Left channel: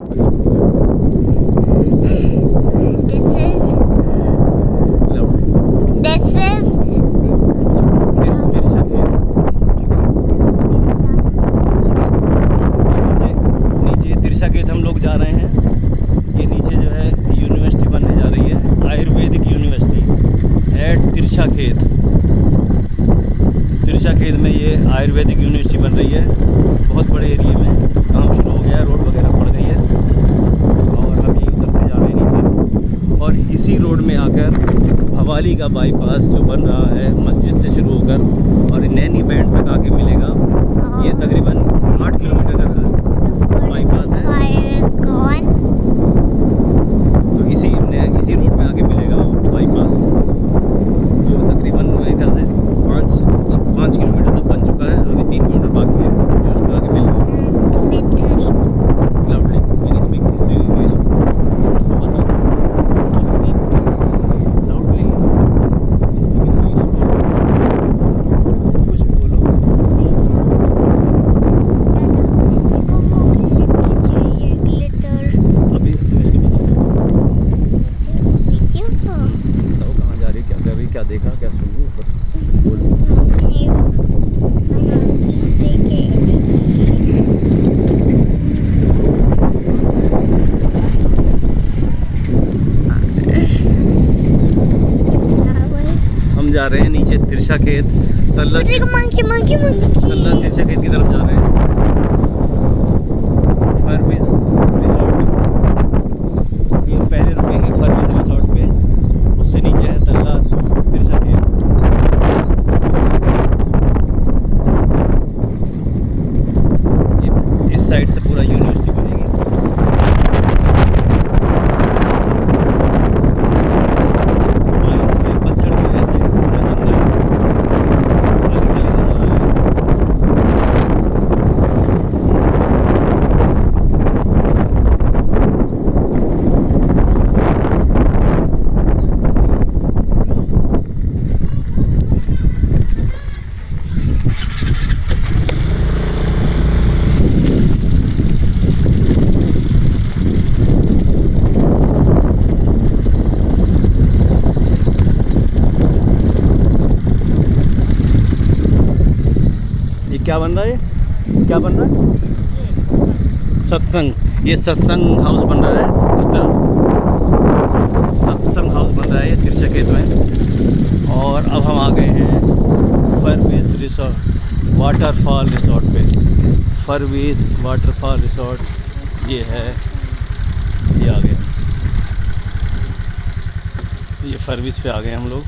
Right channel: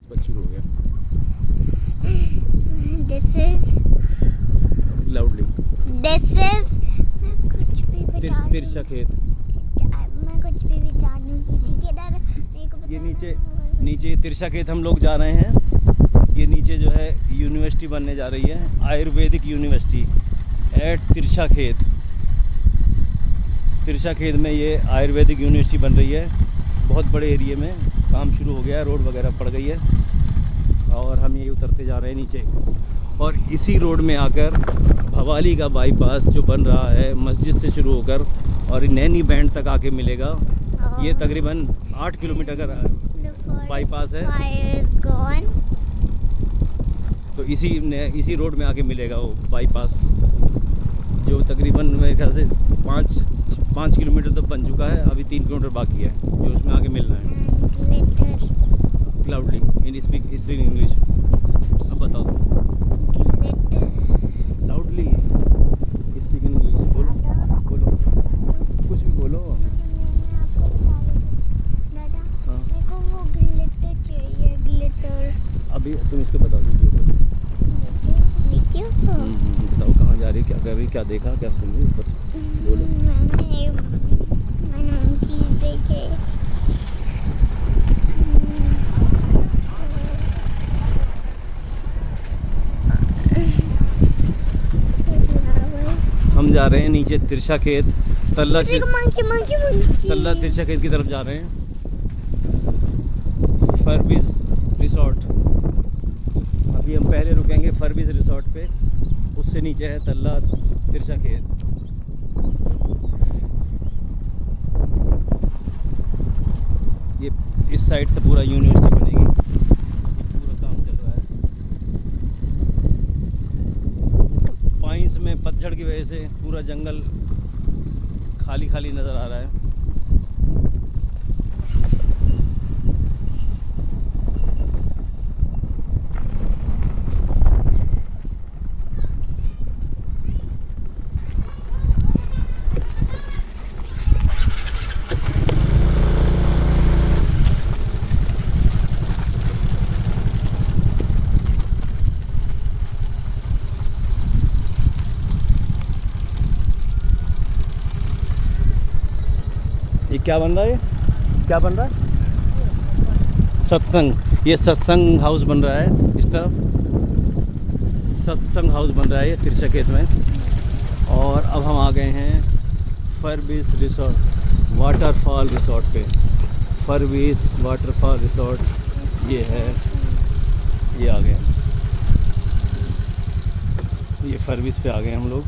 तिरछा खेत। नीचे तिरछा खेत हम लोग जा रहे हैं। ये नीचे जो है यूनिवर्सिटी बनने जा रही है, आयुर्वेदिक यूनिवर्सिटी एट तिरछा खेत। तिरछा खेत में ये आयुर्वेदिक यूनिवर्सिटी बन रही है। बहुत बड़े एरिए में काम शुरू हो गया है, रोड वगैरह पड़ गई है और हम ये उतरते जा रहे हैं नीचे। और इसी रोड में आकर भवाली का बाईपास जो बन रहा है मस्जिद से शुरू होकर और नैनी बैंड तक आके मिलेगा। ये तकरीबन 8 किलोमीटर का बाईपास है। तो इसी रोड में आके मिलेगा वो बाईपास, जो तकरीबन मेरे ख्याल से 5 किलोमीटर तो बन चुका है, अभी 3 किलोमीटर बाकी है जो उसमें आके मिल रहा है। लाउडली इन स्पीक इंग्लिश बताओ। लाउडली स्पीक इंग्लिश, कुछ भी बोलो। अभी तुम इसको बताओ कहाँ जा रही, क्या कर रही, क्या देखा, क्या सुनी, बोलो। हम जा रहे हैं नीचे तिरछा खेत, तल्ला तिरछा खेत की तरफ जा रहे हैं। फरबिश रिसोर्ट, पहले रुकेंगे फरबिश रिसोर्ट पे, उससे नीचे है तल्ला तिरछा खेत। ये इस साइड से पूरा यूनिवर्सिटी बनेगी। माइंस में पत्थर की वजह से पूरा जंगल खाली खाली नजर आ रहा है। ये क्या बन रहा है, क्या बन रहा है? सत्संग, ये सत्संग हाउस बन रहा है। इस तरफ सत्संग हाउस बन रहा है ये तिरछा खेत में। और अब हम आ गए हैं फरबिश रिसोर्ट, वाटरफॉल रिसोर्ट पे। फरबिश वाटरफॉल रिसोर्ट ये है, ये आ गए, ये फरबिश पे आ गए हम लोग।